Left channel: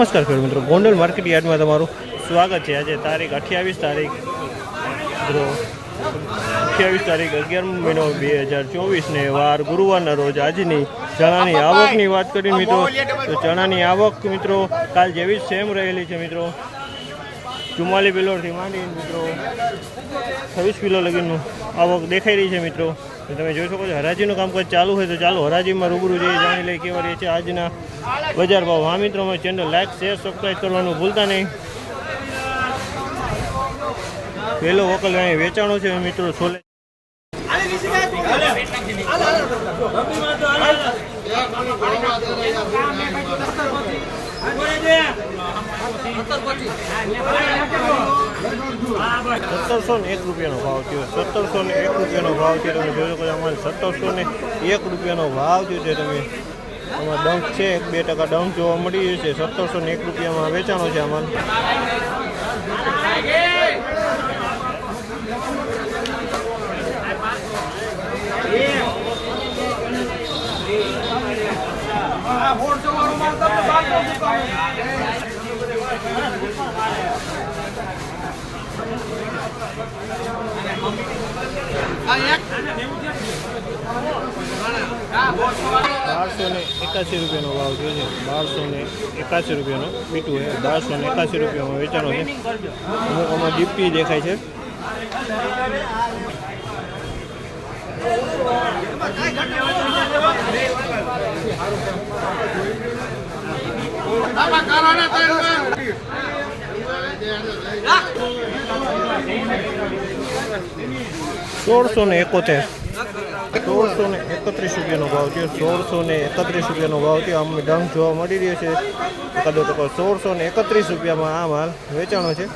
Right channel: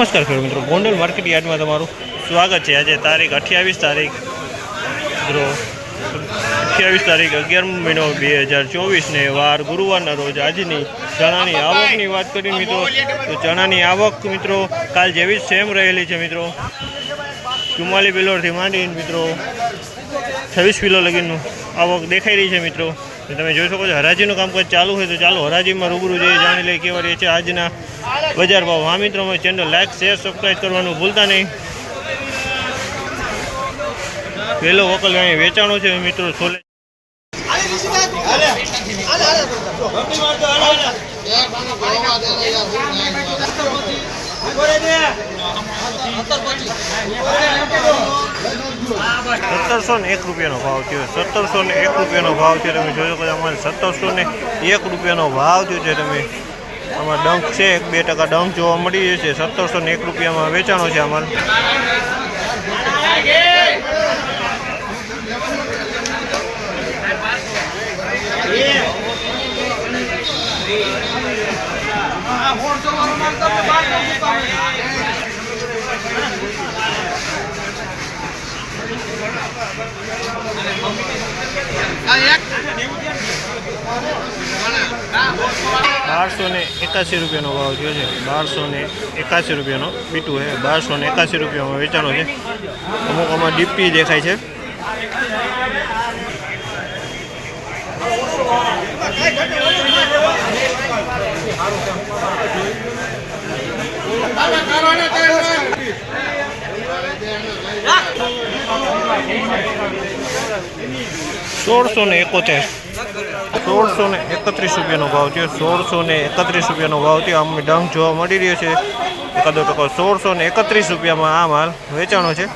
નમસ્કાર ખેડૂત મિત્રો. ગોંડલ માર્કેટ યાર્ડમાં તમારું સ્વાગત છે. આજે તારીખ અઠ્યાવીસ તારીખ, મિત્રો, અઠ્યાવીસ તારીખ અગિયાર મહિનો બે હજાર ચોવીસને વાર ગુરુવારના રોજ આજની ચણાની આવકની વાત કરીએ મિત્રો, તો ચણાની આવક મિત્રો કાલ જેવી જ સેમ રહેલી છે મિત્રો. ચુમ્માલી પિલોરથી માંડીને મિત્રો છવ્વીસ કિલો લગીનું આવક દેખાઈ રહી છે મિત્રો. તમે જોઈ શકો છો, હરાજીનું કામકાજ ચાલુ હોય તો ચાલો હરાજીમાં રૂબરૂ જઈએ, જાણી લઈએ કેવા રહે છે આજના બજાર ભાવ. હા મિત્રો, અમારી ચેનલ લાઈક શેર સબસ્ક્રાઈબ કરવાનું ભૂલતા નહીં. પહેલો વકલ અહીં વેચાણો છે મિત્રો, છોલે. સત્તરસો ને એક રૂપિયાનો ભાવ થયો. સત્તરસો ને એક રૂપિયાનો ભાવ છે તમે જોયો કદાચ અમારે સત્તરસો ને એક રૂપિયાનો ભાવ થયો છે તમે. આમાં ડંક છે, એક બે ટકા ડંક જોવા મળી જશે સત્તરસો ને એક રૂપિયામાં વેચાણો છે અમારે બારસો ને એકાસી રૂપિયાનો ભાવ થયો છે. બારસો ને એકાસી રૂપિયાનો બીટું છે. બારસો ને એકાસી રૂપિયામાં વેચાણો છે. અમુક આમાં ડીપી દેખાય છે. સોળસો ને એકોતેર. સોળસો ને એકત્રીસ રૂપિયાનો ભાવ થયો. સોળસો ને એકત્રીસ રૂપિયાનો ભાવ થયો. આમ ડંગ જોવા મળી રહ્યો છે. એકાદો ટકો સોળસો ને એકત્રીસ રૂપિયામાં આ માલ વેચાણો છે.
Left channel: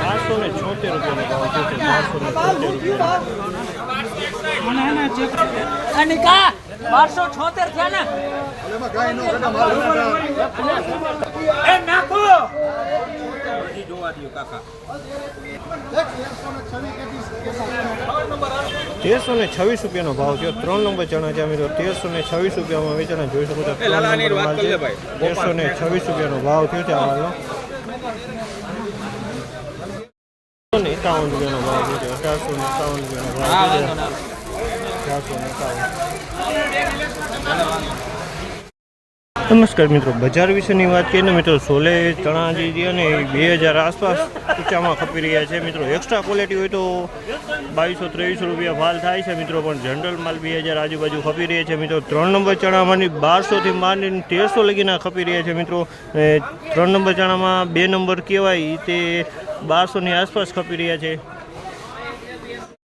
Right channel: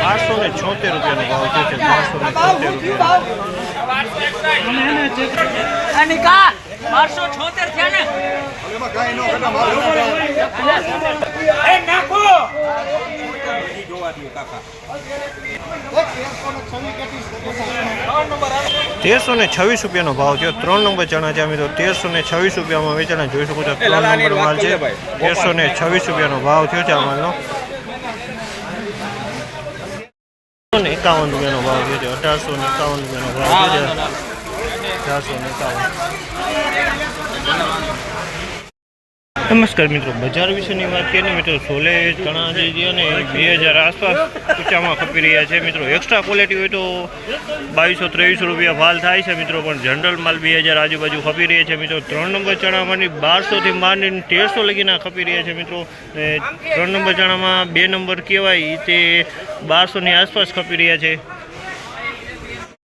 બારસો ને છોતેર રૂપિયાનો ભાવ છે. બારસો ને છોતેર રૂપિયા તેરસો ને છવ્વીસ રૂપિયાનો ભાવ થયો. ત્રણ નંબર ચણા છે મિત્રો. તેરસો ને છવ્વીસ રૂપિયામાં વેચાણા જોઈ શકો છો. ત્રણ નંબર માલ છે. તેરસો ને છવ્વીસ રૂપિયાનો ભાવ થયો છે આ માલનો. ને એકાવન રૂપિયાનો ભાવ થયો છે. અઢારસો ને એકાવન રૂપિયાનો ભાવ થયો છે. અઢારસો ને એકાવન. નમસ્કાર મિત્રો, બજાર વિશેની વાત કરીએ ને મિત્રો, સોલે ચણા જે છે બે હજાર આસપાસ ઊંચામાં ખપી રહ્યા છે. મિત્રો એક્સ્ટ્રા ક્વોલિટી હોય તો બાવીસો ત્રેવીસો રૂપિયા ભાલ થાય છે મિત્રો, પણ જનરલ માલ બે હજાર આજુબાજુ ખપી રહ્યા છે. મિત્રો, ત્રણ નંબર ચણામાંની બારસોથી માંડીને તેરસો લગીના ખપી રહ્યા છે મિત્રો. ત્રણ નંબર ચણામાં બે નંબર કહેવાય તે બારસોની આસપાસ ખપી રહ્યા છે.